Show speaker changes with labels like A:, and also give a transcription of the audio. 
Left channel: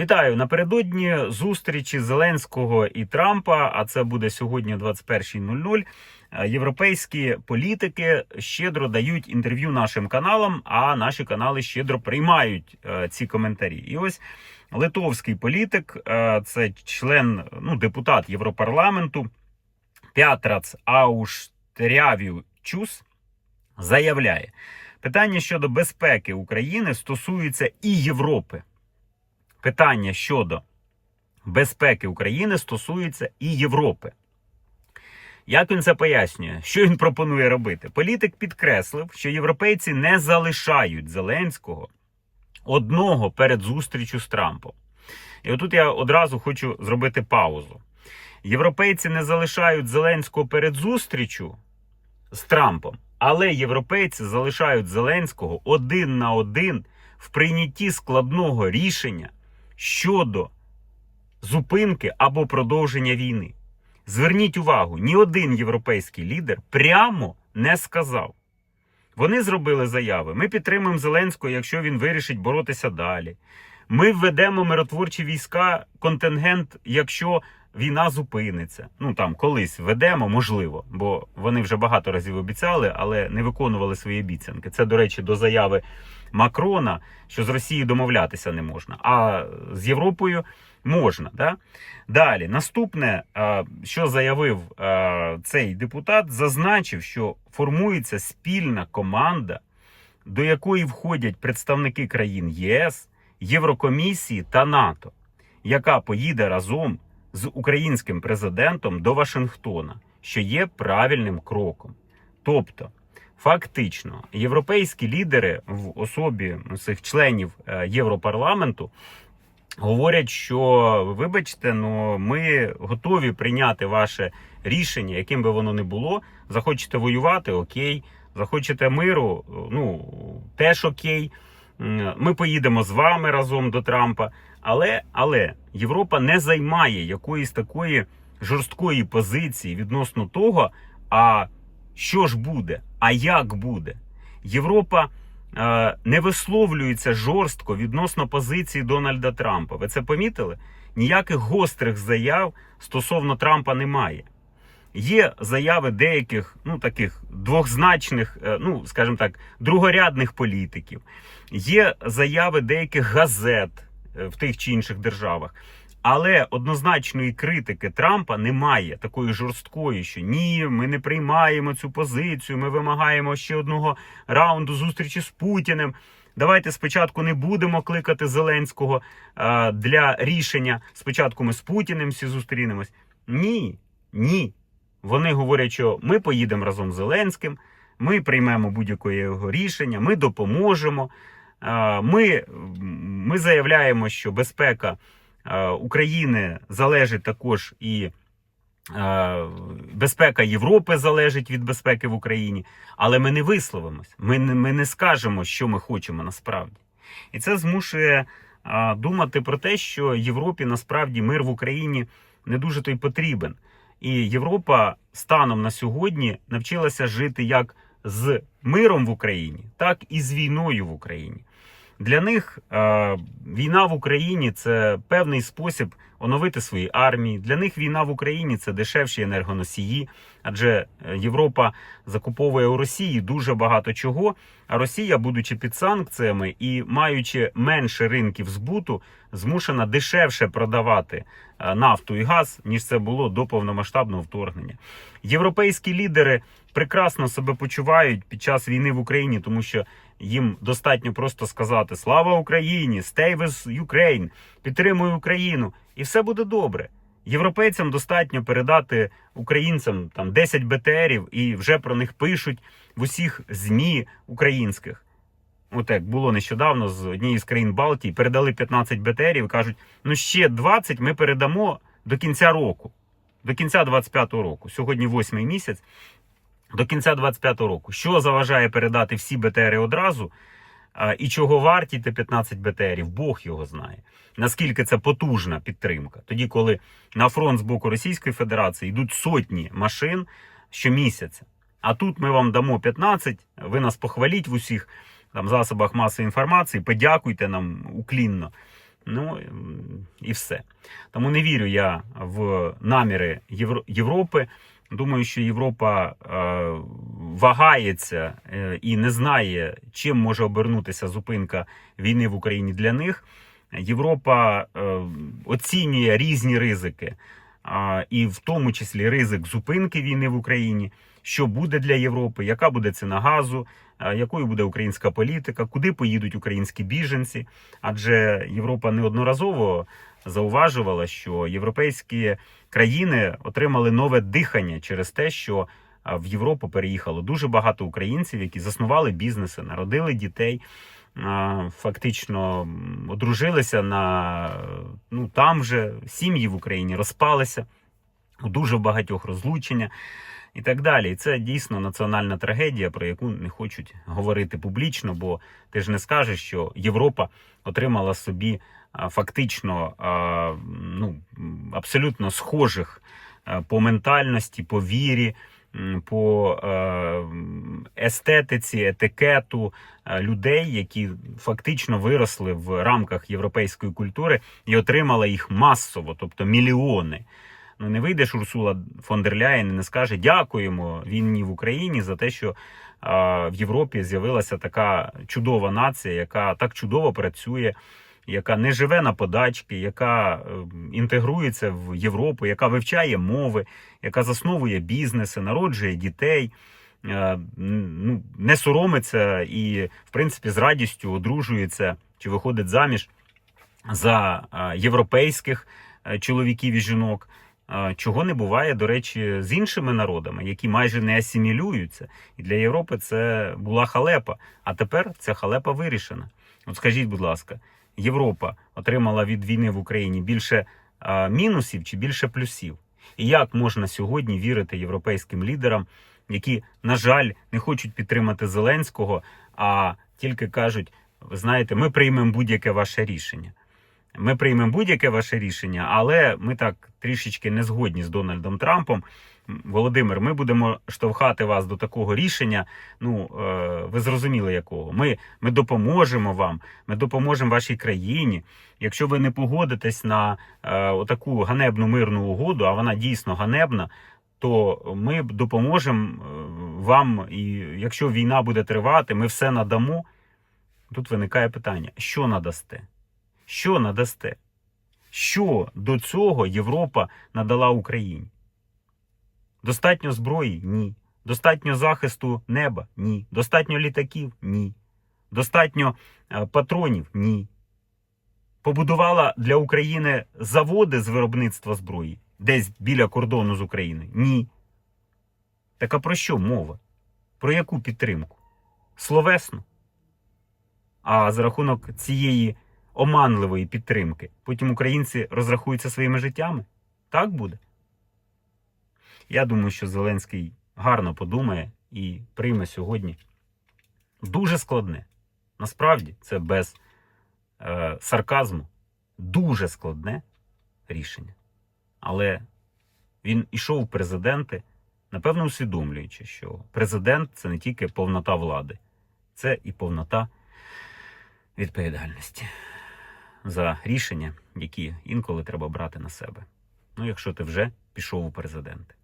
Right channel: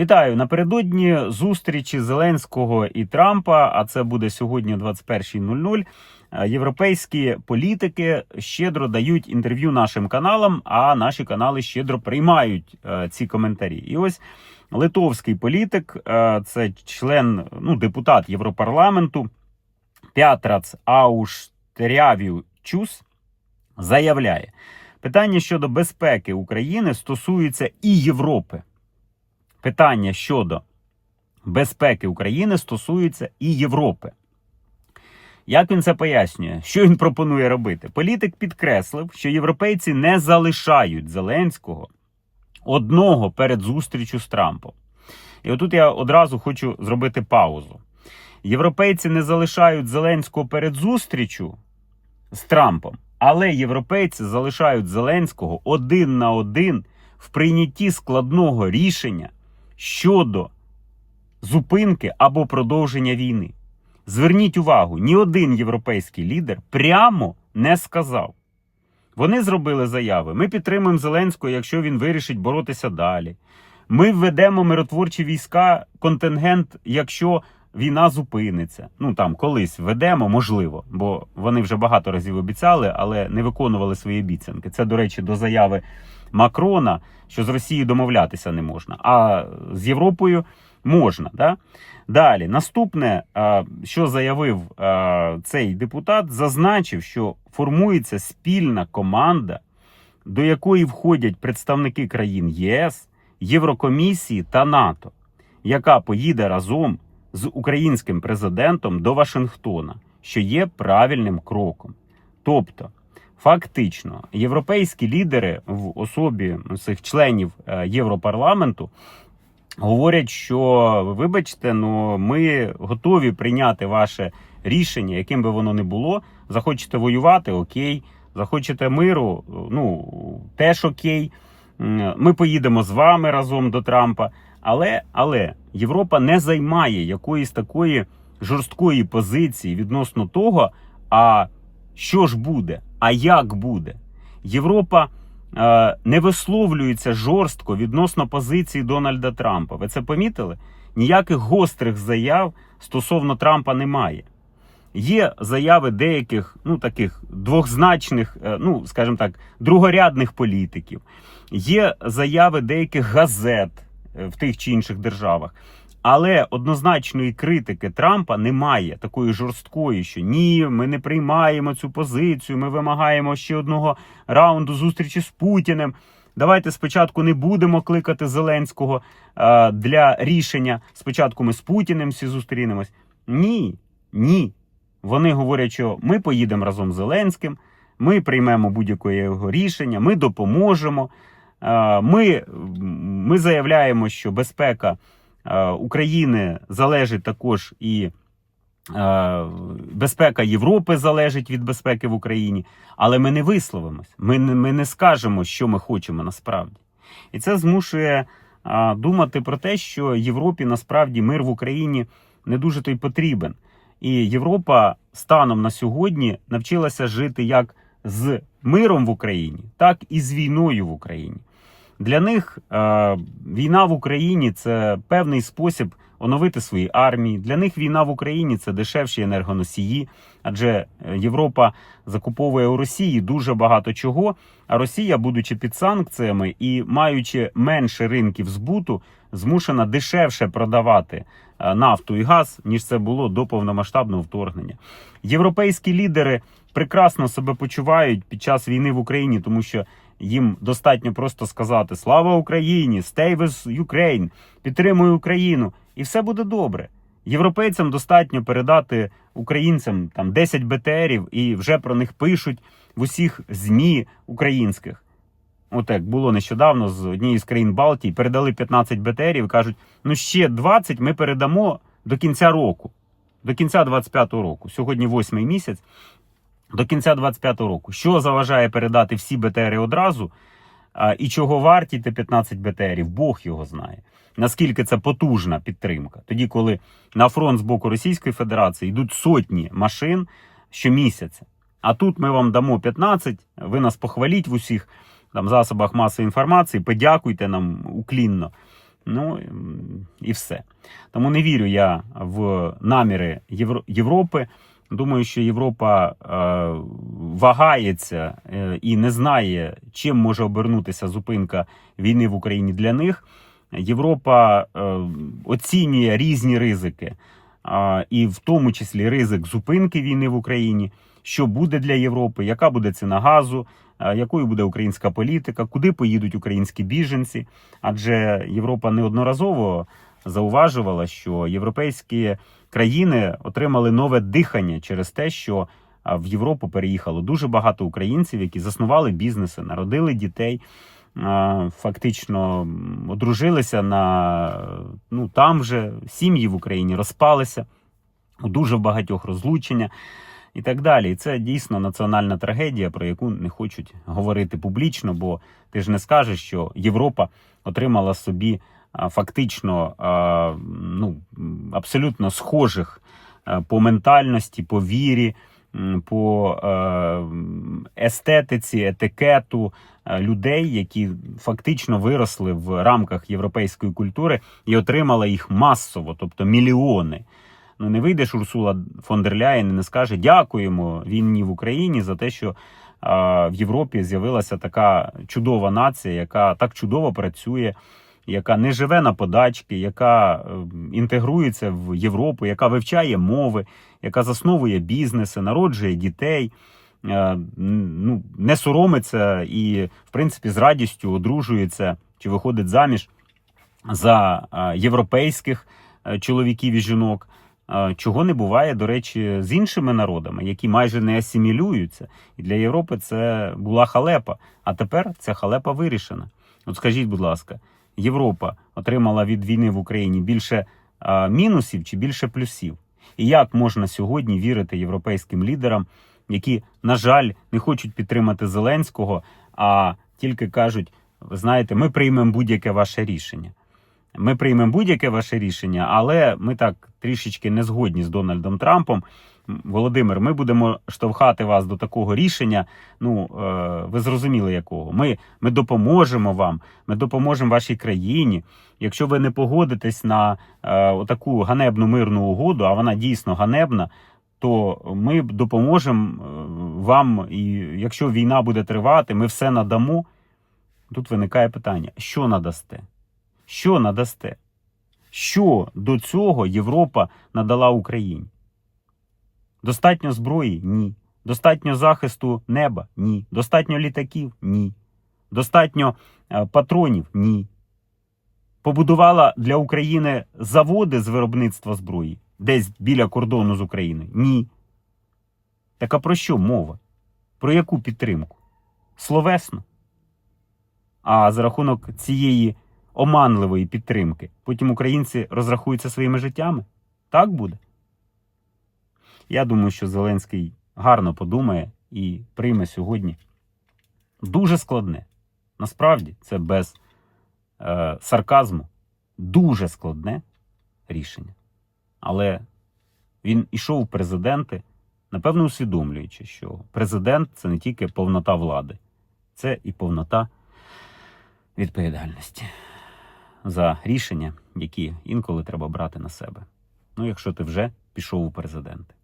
A: Вітаю напередодні зустрічі Зеленського і Трампа. А це буде сьогодні о 21.00. е, Європейські політики щедро дають інтерв'ю нашим каналам, а наші канали щедро приймають е, ці коментарі. І ось литовський політик, е, це член, ну депутат Європарламенту Пятрац Ауштрявічус, заявляє, питання щодо безпеки України стосується і Європи. Питання щодо безпеки України стосується і Європи. Як він це пояснює? Що він пропонує робити? Політик підкреслив, що європейці не залишають Зеленського одного перед зустрічю з Трампом. І отут я одразу хочу зробити паузу. Європейці не залишають Зеленського перед зустрічю з Трампом, але європейці залишають Зеленського один на один в прийнятті складного рішення щодо зупинки або продовження війни. Зверніть увагу, ні один європейський лідер прямо не сказав. Вони зробили заяви: ми підтримуємо Зеленського, якщо він вирішить боротися далі. Ми введемо миротворчі війська, контингент, якщо війна зупиниться. Ну там колись введемо, можливо, бо вони вже багато разів обіцяли, але не виконували свої обіцянки. Це, до речі, до заяви Макрона, що з Росією домовлятися не можна, а з Європою можна. Да? Далі, наступне, що заявив цей депутат, зазначив, що формується спільна команда, до якої входять представники країн ЄС, Єврокомісії та НАТО, яка поїде разом з українським президентом до Вашингтона, що є правильним кроком. Тобто, фактично, європейські лідери в особі цих членів е, Європарламенту говорять, що вибачте, ну ми готові прийняти ваше рішення, яким би воно не було. Захочете воювати, окей. Захочете миру, ну теж окей. Ми поїдемо з вами разом до Трампа. Але, але Європа не займає якоїсь такої жорсткої позиції відносно того, а що ж буде, а як буде. Європа е, не висловлюється жорстко відносно позиції Дональда Трампа. Ви це помітили? Ніяких гострих заяв стосовно Трампа немає. Є заяви деяких, ну таких двохзначних, е, ну скажімо так, другорядних політиків. Є заяви деяких газет е, в тих чи інших державах. Але однозначної критики Трампа немає такої жорсткої, що ні, ми не приймаємо цю позицію. Ми вимагаємо ще одного раунду зустрічі з Путіним. Давайте спочатку не будемо кликати Зеленського е, для рішення. Спочатку ми з Путіним всі зустрінемось. Ні, ні. Вони говорять, що ми поїдемо разом з Зеленським, ми приймемо будь-яке його рішення, ми допоможемо. Е, Ми, ми заявляємо, що безпека е, України залежить також і е, безпека Європи залежить від безпеки в Україні, але ми не висловимось. Ми не, ми не скажемо, що ми хочемо насправді. І це змушує думати про те, що Європі насправді мир в Україні не дуже то й потрібен. І Європа станом на сьогодні навчилася жити як з миром в Україні, так і з війною в Україні. Для них е, війна в Україні це певний спосіб оновити свої армії. Для них війна в Україні це дешевші енергоносії, адже е, Європа закуповує у Росії дуже багато чого. А Росія, будучи під санкціями і маючи менше ринків збуту, змушена дешевше продавати е, нафту і газ, ніж це було до повномасштабного вторгнення. Європейські лідери прекрасно себе почувають під час війни в Україні, тому що їм достатньо просто сказати Слава Україні! Stay with Ukraine! Підтримуй Україну! І все буде добре. Європейцям достатньо передати українцям там 10 БТРів, і вже про них пишуть в усіх ЗМІ українських. От як було нещодавно з однієї з країн Балтії, передали 15 БТРів кажуть: ну ще 20 ми передамо до кінця року, до кінця 25-го року. Сьогодні восьмий місяць. До кінця 25-го року. Що заважає передати всі БТРи одразу? І чого варті ті 15 БТРів? Бог його знає. Наскільки це потужна підтримка? Тоді, коли на фронт з боку Російської Федерації йдуть сотні машин щомісяця. А тут ми вам дамо 15, ви нас похваліть в усіх там засобах масової інформації, подякуйте нам уклінно. Ну і все. Тому не вірю я в наміри Європи. Думаю, що Європа е, вагається е, і не знає, чим може обернутися зупинка війни в Україні для них. Європа е, оцінює різні ризики, і в тому числі ризик зупинки війни в Україні. Що буде для Європи, яка буде ціна газу, якою буде українська політика, куди поїдуть українські біженці? Адже Європа неодноразово зауважувала, що європейські країни отримали нове дихання через те, що в Європу переїхало дуже багато українців, які заснували бізнеси, народили дітей, фактично одружилися на ну там вже сім'ї в Україні розпалися у дуже багатьох розлучення. І так далі. І це дійсно національна трагедія, про яку не хочуть говорити публічно, бо ти ж не скажеш, що Європа отримала собі фактично ну, абсолютно схожих по ментальності, по вірі, по е, естетиці, етикету е, людей, які фактично виросли в рамках європейської культури і отримала їх масово, тобто мільйони. Ну не вийдеш Урсула фон дер Ляєн і не скаже дякуємо війні в Україні за те, що а, в Європі з'явилася така чудова нація, яка так чудово працює, яка не живе на подачки, яка е, інтегрується в Європу, яка вивчає мови, яка засновує бізнеси, народжує дітей. е, Ну, не соромиться і, в принципі, з радістю одружується чи виходить заміж за е, європейських е, чоловіків і жінок. Чого не буває, до речі, з іншими народами, які майже не асимілюються. І для Європи це була халепа. А тепер ця халепа вирішена. От скажіть, будь ласка, Європа отримала від війни в Україні більше а, мінусів чи більше плюсів? І як можна сьогодні вірити європейським лідерам, які, на жаль, не хочуть підтримати Зеленського, а тільки кажуть: ви знаєте, ми приймемо будь-яке ваше рішення. Ми приймемо будь-яке ваше рішення, але ми так трішечки не згодні з Дональдом Трампом. Володимир, ми будемо штовхати вас до такого рішення. Ну, е, ви зрозуміли якого. Ми, ми допоможемо вам, ми допоможемо вашій країні. Якщо ви не погодитесь на е, отаку ганебну мирну угоду, а вона дійсно ганебна, то ми допоможемо е, вам. І якщо війна буде тривати, ми все надамо. Тут виникає питання: що надасте? Що надасте? Що до цього Європа надала Україні? Достатньо зброї? Ні. Достатньо захисту неба? Ні. Достатньо літаків? Ні. Достатньо е, патронів? Ні. Побудувала для України заводи з виробництва зброї десь біля кордону з Україною? Ні. Так а про що мова? Про яку підтримку? Словесно. А за рахунок цієї оманливої підтримки потім українці розрахуються своїми життями? Так буде? Я думаю, що Зеленський гарно подумає і прийме сьогодні дуже складне. Насправді, це без е, сарказму, дуже складне рішення. Але він ішов в президенти, напевно, усвідомлюючи, що президент це не тільки повнота влади, це і повнота відповідальності за рішення, які інколи треба брати на себе. Ну, якщо ти вже пішов у президенти.